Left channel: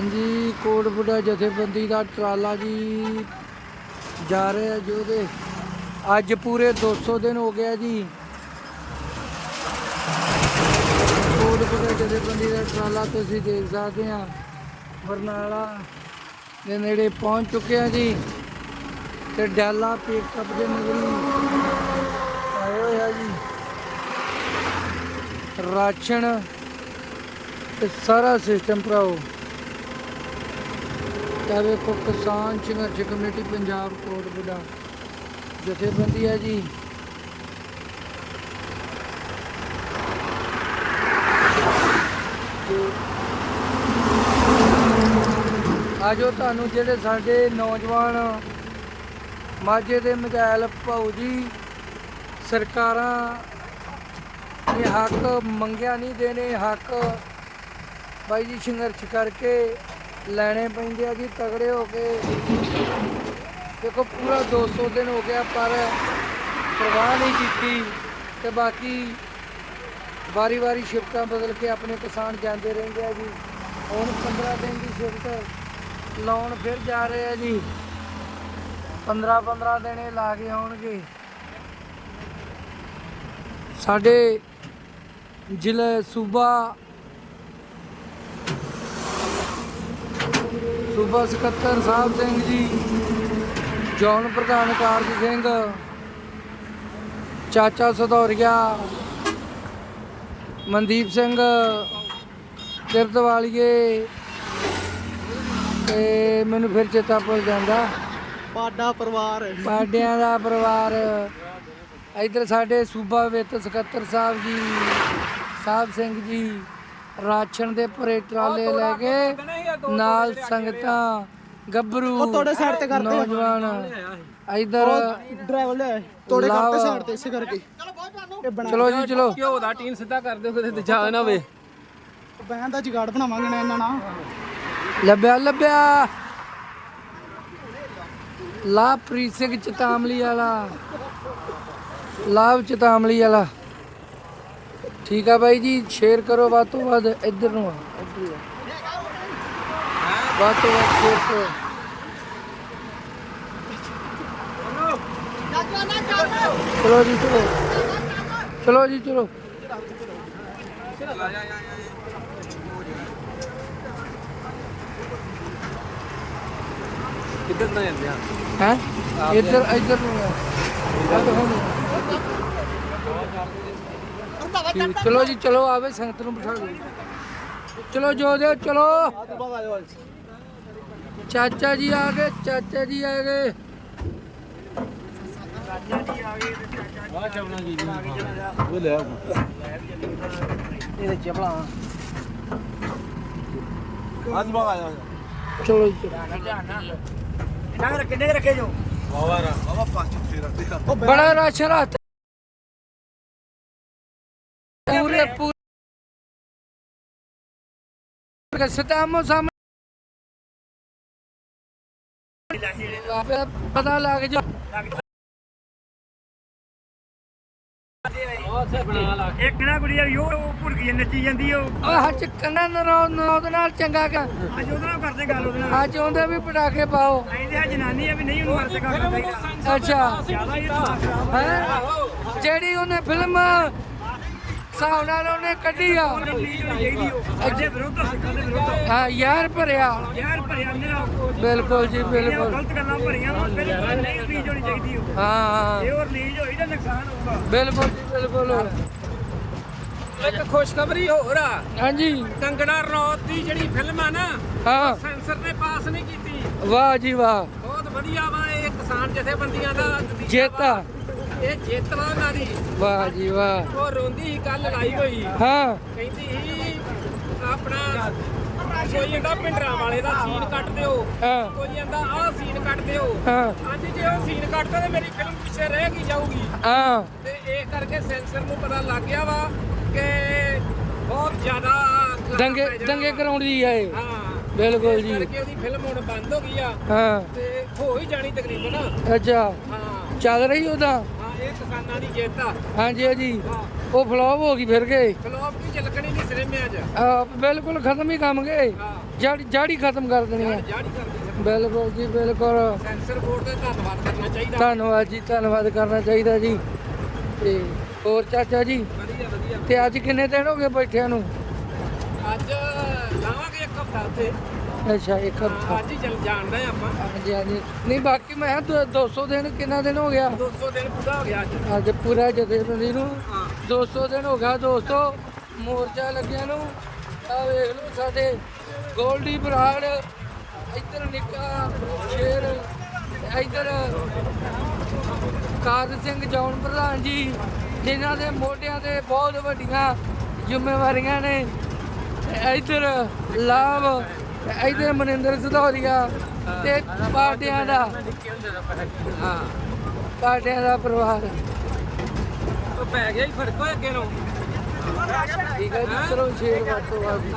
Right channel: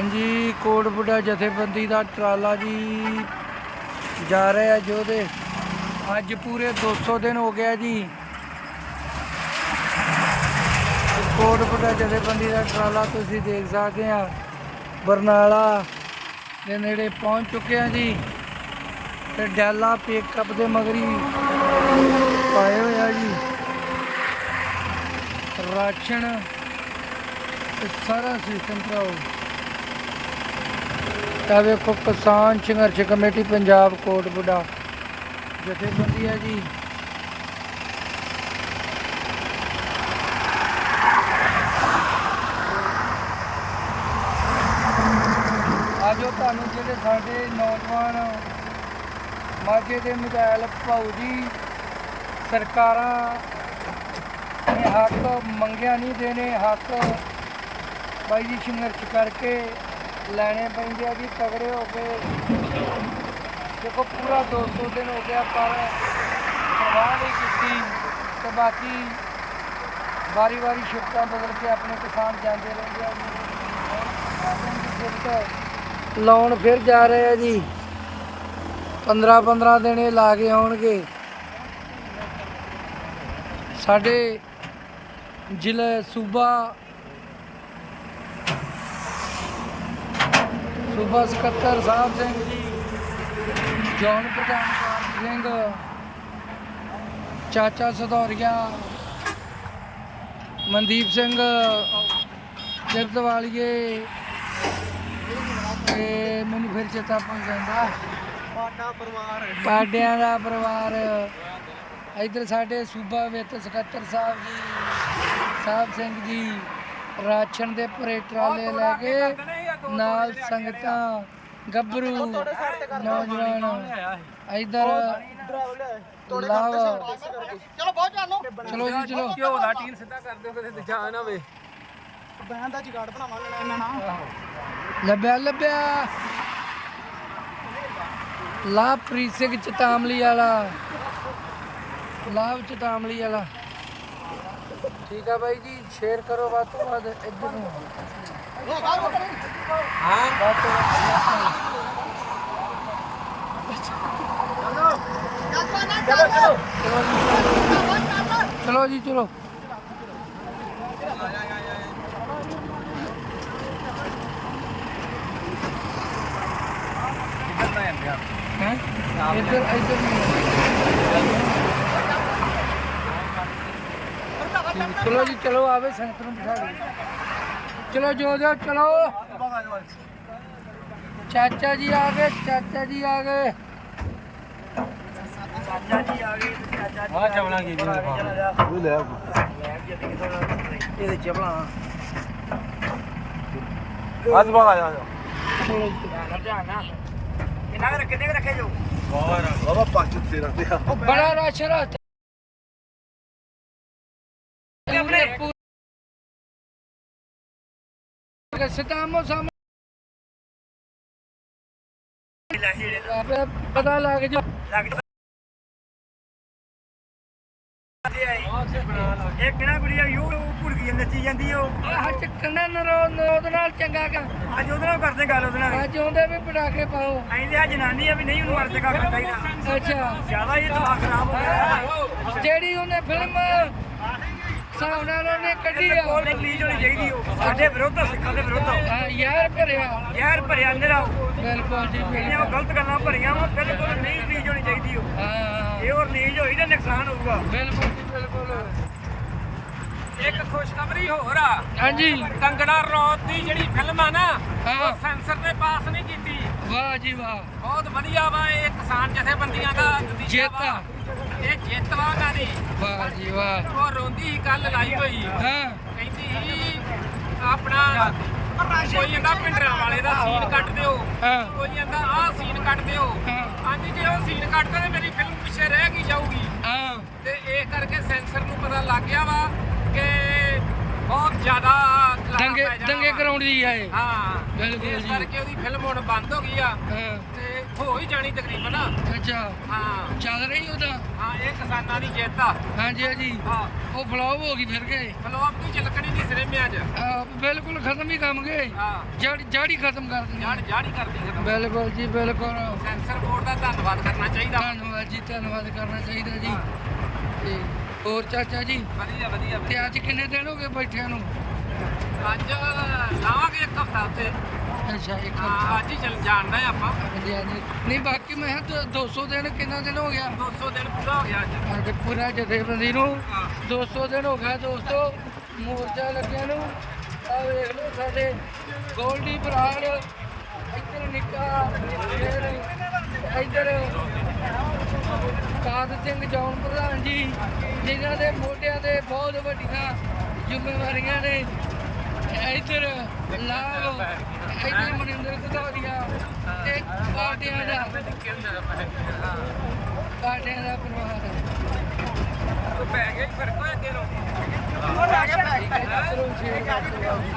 ਹਾਂਜੀ ਕੋਟਬੁੱਢਾ ਜਥੇਬੰਦੀ ਦਾ ਟਰਾਲਾ ਜੀ ਜਾ ਰਿਹਾ ਜੋਧੇ ਅੱਜ ਪੂਰੇ 200 ਦਿਨ ਹੋ ਗਿਆ ਜੀ। ਕੋਟਬੁੱਢਾ ਜਥੇਬੰਦੀ ਦਾ ਟਰਾਲਾ ਤੁਸੀਂ ਦੇਖ ਸਕਦੇ ਆ। ਬਰਨਾਲਾ ਦੇ ਨੇੜੇ ਪਹੁੰਚ ਚੁੱਕੇ ਆ ਜੀ। ਤੇ ਡੈਲਾ ਪਿਕਅਪ ਦੇ ਮਗਰੀ ਪਾਏ ਹੋਇਆ ਜੀ। ਰਾਸ਼ਨ ਤੇ ਸਾਰਾ ਸਿਸਟਮ ਭਰਾਓ। ਤਾਂ ਵੇਖੋ, ਕਿਸਾਨ ਸੰਘਰਸ਼ ਕਮੇਟੀ, ਪੰਜਾਬ ਕੋਟਬੁੱਢਾ ਜਥੇਬੰਦੀ ਹੈ ਜੀ। ਆਜੋ ਤੁਹਾਨੂੰ ਜਿਹੜੇ ਸਾਡੇ ਨੌਜਵਾਨ ਮਾਝੇ ਦੇ ਮਜਾਇਲ ਭਾਊ ਜੀ, ਸਰਕਾਰਾਂ ਨੇ ਹੱਕ ਮੰਗਿਆ ਨਹੀਂ, ਦੇਣੇ ਹੱਕ। ਬਾਈ ਜੀ, ਸੰਘਰਸ਼ ਕਰਕੇ ਲੈਣੇ ਪੈਂਦੇ ਆ ਜੀ, ਤਗੜੇ ਹੋ ਕੇ। ਦੇਖੋ, ਪੂਰਾ 200 ਦਿਨ ਹੋ ਗਿਆ, ਪਰ ਪਰਵਾਹ ਨਹੀਂ ਕੀਤੀ। ਤੇ ਬਾਕੀ ਵਾਰੀ-ਵਾਰੀ ਸ਼ਿਫਟਾਂ ਬਦਲ ਕੇ ਆਪਣੇ ਕਿਸਾਨ ਜਾਂਦੇ ਰਹਿੰਦੇ ਆ ਜੀ। ਹੁਣ 15 ਦਿਨ ਦੀ ਸ਼ਿਫਟ ਲਾਉਣ ਫਿਰ ਜਾ ਰਹੇ ਆ ਜੀ। 15-15 ਦਿਨ ਇਹ ਲਾ ਕੇ ਆਉਣਗੇ। ਸਾਡੇ ਜ਼ਿਲ੍ਹੇ ਸੂਬਾ ਸੂਬਾ ਸਕੱਤਰ ਸਾਹਿਬ ਸਿੰਘ ਜੀ ਜੌਨ ਪ੍ਰਧਾਨ ਕਾਰਜ ਸਿੰਘ ਚਾਚਾ ਸਧੌਰੀਆ ਮਨਦੀਪ ਸਿੰਘ ਕਿਰਤਵਾਲੀਏ ਤੇ ਮੈਨੂੰ ਫਿਰ ਚੇਤਾ ਭੁੱਲ ਜਾਂਦਾ। ਪਾਡਾ ਪਰਿਵਾਰ ਪਾਡਿਆਂ ਦਾ ਪਰਿਵਾਰ। ਇਧਰ ਸਾਡੇ ਸੂਬਾ ਵਿੱਤ ਸਕੱਤਰ ਸਾਹਿਬ ਜੀ ਸਾਹਿਬ ਸਿੰਘ ਜੀ ਰਾਸ਼ਨ ਦੇ ਭਰੇ ਟਰਾਲੇ ਲੈ ਕੇ ਨਾਲ ਸੰਗਤਾਂ ਗੱਭਰੂ ਨੌਜਵਾਨ ਇਧਰ ਡਰਾਈਵਰ ਲੈ ਚਲੋ ਬਹੁਤ ਚੱਲੋ ਚਲੋ ਜੀ ਚਲੋ। ਘਿਓ ਦਾ ਟੀਨ ਸਿੱਧਾ ਕਰ ਦਿਓ ਕਿਤੇ ਦੂਜਾ ਨਾ ਹੋਵੇ ਬੈਨ ਦਾ ਜਗਾੜ ਬਣਾਵਾਂਗੇ ਨਾ ਇਹਨਾਂ ਨਾਲ। ਲੱਭਿਆ ਲੱਭਿਆ। ਲਾਭਪ੍ਰੀਤ ਸਿੰਘ ਚਤਾਮਲੀ ਵਾਲਾ। ਲਾਭ ਚਤਾਮਲੀ ਵਾਲਾ। ਠੀਕ ਆ ਬਾਈ ਜੀ ਸ਼ੇਅਰ ਕਰੋ ਵੱਧ ਤੋਂ ਵੱਧ ਇੱਧਰ ਨੂੰ ਆ, ਇੱਧਰ ਨੂੰ ਆ। ਵੱਧ ਤੋਂ ਵੱਧ ਸ਼ੇਅਰ ਕਰੋ ਚਲੋ ਜੀ ਚਲੋ ਚਲੋ ਜੀ ਚਲੋ ਕਿੱਧਰ ਨਾ ਜਾਂਦੇ ਆ ਹੈ ਇੱਧਰ ਨੂੰ ਬਿਠਾ ਲਓ ਚਲੋ ਜੀ ਚਲੋ। ਆਵੇ ਸੰਗਤ ਨੂੰ ਬਿਠਾ ਲਓ ਚਲੋ ਜੋ ਦਿਓ ਚਲੋ ਚਾਚਾ ਜੀ ਆ ਗਏ। ਚਾਚਾ ਜੀ ਆ ਗਏ ਆ ਚਾਵਣਾ ਕੀ ਜੀ। ਉਹ ਲੈ ਇਹਦੇ ਚਪਲਾ ਅੱਜ ਬਾਗ ਆ ਜਾ ਚਲੋ ਜੀ। ਬਾਬਾ ਪੱਚ ਤੇਰਾ। ਬੜਾ ਰਸ਼ ਰਾਤ। ਪੂਰੇ ਪੂਰੇ ਸਤਾਮੋ ਸਾਹਮਣੇ। ਪਤਾ ਲੱਗ ਜਾ। ਇੱਕ ਨਾ ਕੁੜੀ ਯਾਰ ਉਹ ਭੁੜ ਗਈ ਨੱਚੀ ਜਾਂਦੀ ਉਹ। ਆਹ ਚੱਕਣਾ ਨਰੋ ਨੋਦ ਨਾਲ ਚੰਗਾ ਕਰ। ਅੱਜ ਉਹਦੇ ਨਾਲ ਕਰਦੇ ਗੱਲ ਉਹਦੇ ਨਾਲ। ਅੱਜ ਉਹਦੇ ਵੀ ਪਟਾਕੇ ਪਾਓ। ਐਂਦੇ ਆ ਜਨਾਨੀ ਆ ਵੀ ਨਹੀਂ ਉਹਨੂੰ ਮਰ ਚਕਾ ਕਰਦਾ ਚਾਹੀਦਾ ਅੱਛਾ। ਜ਼ਿਆਦਾ ਹੀ ਦਿਮਾਗ ਖਰਾਬ ਹੋ ਗਿਆ। ਜਿਹੜੀ ਉਹਨੇ ਫਿਲਮ ਨਾਲ ਉਹਨੇ ਕੱਢੀ ਆ। ਉਹ ਰਿਲੀਜ਼ ਹੋਣੀ ਚਾਹੀਦੀ ਉਹ। ਸਾਡੇ ਵਿਰੁੱਧ ਆ, ਸਿੱਖਾਂ ਦੇ ਵਿਰੁੱਧ। ਆ। ਹਾਂ ਯਾਰ ਭਰਿਆ। ਜ਼ਹਿਰ ਭਰਿਆ ਨਿਰਾ ਬਿਲਕੁਲ ਜੀ ਉਹ ਬਿਲਕੁਲ। ਗਲਤ ਗੱਲਾਂ ਭਰੀਆਂ ਵਾ ਬਿਲਕੁਲ ਨਹੀਂ ਰਿਲੀਜ਼ ਹੋਣੀ ਚਾਹੀਦੀ ਉਹ। ਹਾਂ ਇਹ ਉਹ ਰਿਲੀਜ਼ ਹੋਈ ਤਾਂ ਨੁਕਸਾਨ ਹੋਊਗਾ। ਬਿਲਕੁਲ ਜੀ ਬਿਲਕੁਲ। ਇੱਕ ਖੁਸ਼ਖਬਰੀ ਹੋਰ ਆ। ਹਾਂਜੀ। ਕੰਗਣਾ ਰਣੌਤ ਦੀ ਜਿਹੜੀ ਫਿਲਮ ਆ ਨਾ ਹਾਂ। ਸੈਂਸਰ ਨੇ ਪਾਸ ਨਹੀਂ ਕੀਤੀ। ਵਾਹ ਜੀ ਵਾਹ। ਬਹੁਤ ਵਧੀਆ ਵਾ ਇਹ ਕਿਸਾਨ ਜਥੇਬੰਦੀਆਂ ਦਾ ਨਤੀਜਾ ਜਿੱਤ ਆ। ਵਾ। ਜਿੱਤ ਦੀ ਵਾਹ ਜੀ ਵਾਹ। ਉਹ ਰੋਂਦੀ ਕੱਲ ਲਾਈ ਹੋਈ। ਹਾਂ। ਕਹਿੰਦੀ ਸੀ ਆਪਣਾ ਕੋਈ ਕਹਿੰਦਾ ਪਿੰਡਰਾਂ ਵਾਲੇ ਦਾ ਸੀਨ ਕੱਟ ਦਿਓ। ਹਾਂ। ਕੋਈ ਕਹਿੰਦਾ ਆਹ ਸੀਨ ਕੱਟ ਦਿਓ। ਹਾਂ। ਹਾਂਜੀ ਜੇ ਉਹ ਸੀਨ ਕੱਟਦਾ ਤੇ ਮੇਰੀ ਫਿਲਮ ਪਿੱਛੇ ਰਹਿ ਗਈ ਜਾਊਗੀ। ਹਾਂ। ਤੇ ਇਹ ਕਰਕੇ ਸੈਂਸਰ ਨੂੰ ਪਤਾ ਲੱਗ ਗਿਆ ਵਾ ਕਿ ਬਹੁਤ ਜ਼ਿਆਦਾ ਖਿਲਾਰਾ ਦੰਗੇ ਪੈ ਜਾਣਾ ਦੰਗੇ ਵਾ। ਕਰਾਉਣ ਦੀ ਆ ਇਹ। ਹਾਂ। ਬਿਲਕੁਲ ਇਸ ਜੀ। ਕਰਕੇ ਉਹਦੀ ਫਿਲਮ ਹੁਣ ਬੰਦ ਹੋ ਗਈ ਆ। ਹਾਂ। ਤੇ ਹੋ ਹੀ ਜਾਣੀ ਤਕਰੀਬਨ। ਅੱਛਾ। ਹਾਂ। ਚੱਲ ਰਹੀ ਉਹਦਾ ਇਹ ਕਿਸਾਨਾਂ ਦੀ ਜਿੱਤ ਆ। ਹਾਂਜੀ ਹਾਂਜੀ। ਹਾਂ। ਉਹ ਫਲॉप ਹੋ ਗਈ ਫਿਰ ਗਏ। ਫਲੋਪ ਵੀ ਚੱਲਕਣੀ ਨਹੀਂ ਸਿਰੇਮਿਆਂ 'ਚ ਆ, ਬਿਲਕੁਲ ਖਤਮ ਹੀ ਕੰਮ ਗਏ। ਹਾਂ। ਜੜ ਜੜ ਖਤਮ ਕਰ ਦੇਣੀ ਆ। ਜਾੜੀ ਕਰਦੀ ਖਤਮ। ਬਿਲਕੁਲ ਜੀ ਬਿਲਕੁਲ। ਸੈਂਸਰ ਬੋਰਡ ਦਾ ਧੰਨਵਾਦ ਕਰਨਾ ਚਾਹੀਦਾ। ਧੰਨਵਾਦ ਜੀ ਧੰਨਵਾਦ ਕਰਨਾ ਚਾਹੀਦਾ ਜੀ। ਤੇ ਹੋਰ ਚਾਚਾ ਜੀ? ਵਧੀਆ ਵਧੀਆ ਤੇ ਅੱਜ ਕਿੰਨੇ ਦਿਨ ਹੋ ਗਏ ਬੈਠਿਆਂ ਨੂੰ? ਅੱਜ ਲਾਵਾਂਗੇ ਇੱਕ ਹਫਤਾ ਉੱਥੇ ਅੱਛਾ ਇੱਕ ਹਾਂ, ਹਫ਼ਤਾ। ਅੱਜ ਹੀ ਚੱਲ ਜਾਣਦਾ ਆਪਾਂ। ਹਾਂਜੀ ਹਾਂਜੀ। ਨਹੀਂ ਬਾਕੀ ਮੈਂ ਕਿਹਾ ਦੋ- 200 ਦਿਨ ਕਿੰਨਾ ਦਿਨ ਹੋ ਗਿਆ? 200 ਦਿਨ ਪੂਰਾ ਹੋ ਗਿਆ ਅੱਜ। ਅੱਜ ਪੂਰਾ ਜਥੇਬੰਦੀ ਨੂੰ। ਹਾਂ। 200 ਦਿਨ ਹੋ ਗਿਆ ਦੋਸਤੋ ਮੋਰਚਾ ਲੱਗਿਆ ਨੂੰ। ਆ ਵੇਖ ਲਓ ਸਾਡੇ ਗੋਲਡੀ ਬਰਾੜ ਇੱਧਰ ਨਿੱਕਾ ਸ਼ੇਰ ਇੱਧਰ ਕਾਰ ਸਿੰਘ ਜੌਨ ਪ੍ਰਧਾਨ ਜੀ ਜਿਨ੍ਹਾਂ ਦੇ ਮੋਢਿਆਂ ਤੇ ਬਹੁਤ ਵੱਡੀਆਂ ਜ਼ਿੰਮੇਵਾਰੀਆਂ ਨੇ। ਇੱਧਰ ਲਾਭ ਇੱਧਰ ਮਨਿੰਦਰ ਸਧੌਰੀਆ ਤੇ ਪਾਰਟੀਆਂ ਦਾ। ਹਾਂ ਪਾਰਟੀਆਂ ਦਾ ਪਰਿਵਾਰ। ਉਹ ਪੈ ਗਿਆ ਹੀ ਫ਼ਰਕ ਹੋਏ ਅੱਗੇ ਨੂੰ। ਠੀਕ ਹੈ ਜੀ ਚਲੋ ਸ਼ੇਰ ਵਾਟੋ ਆ ਜੀ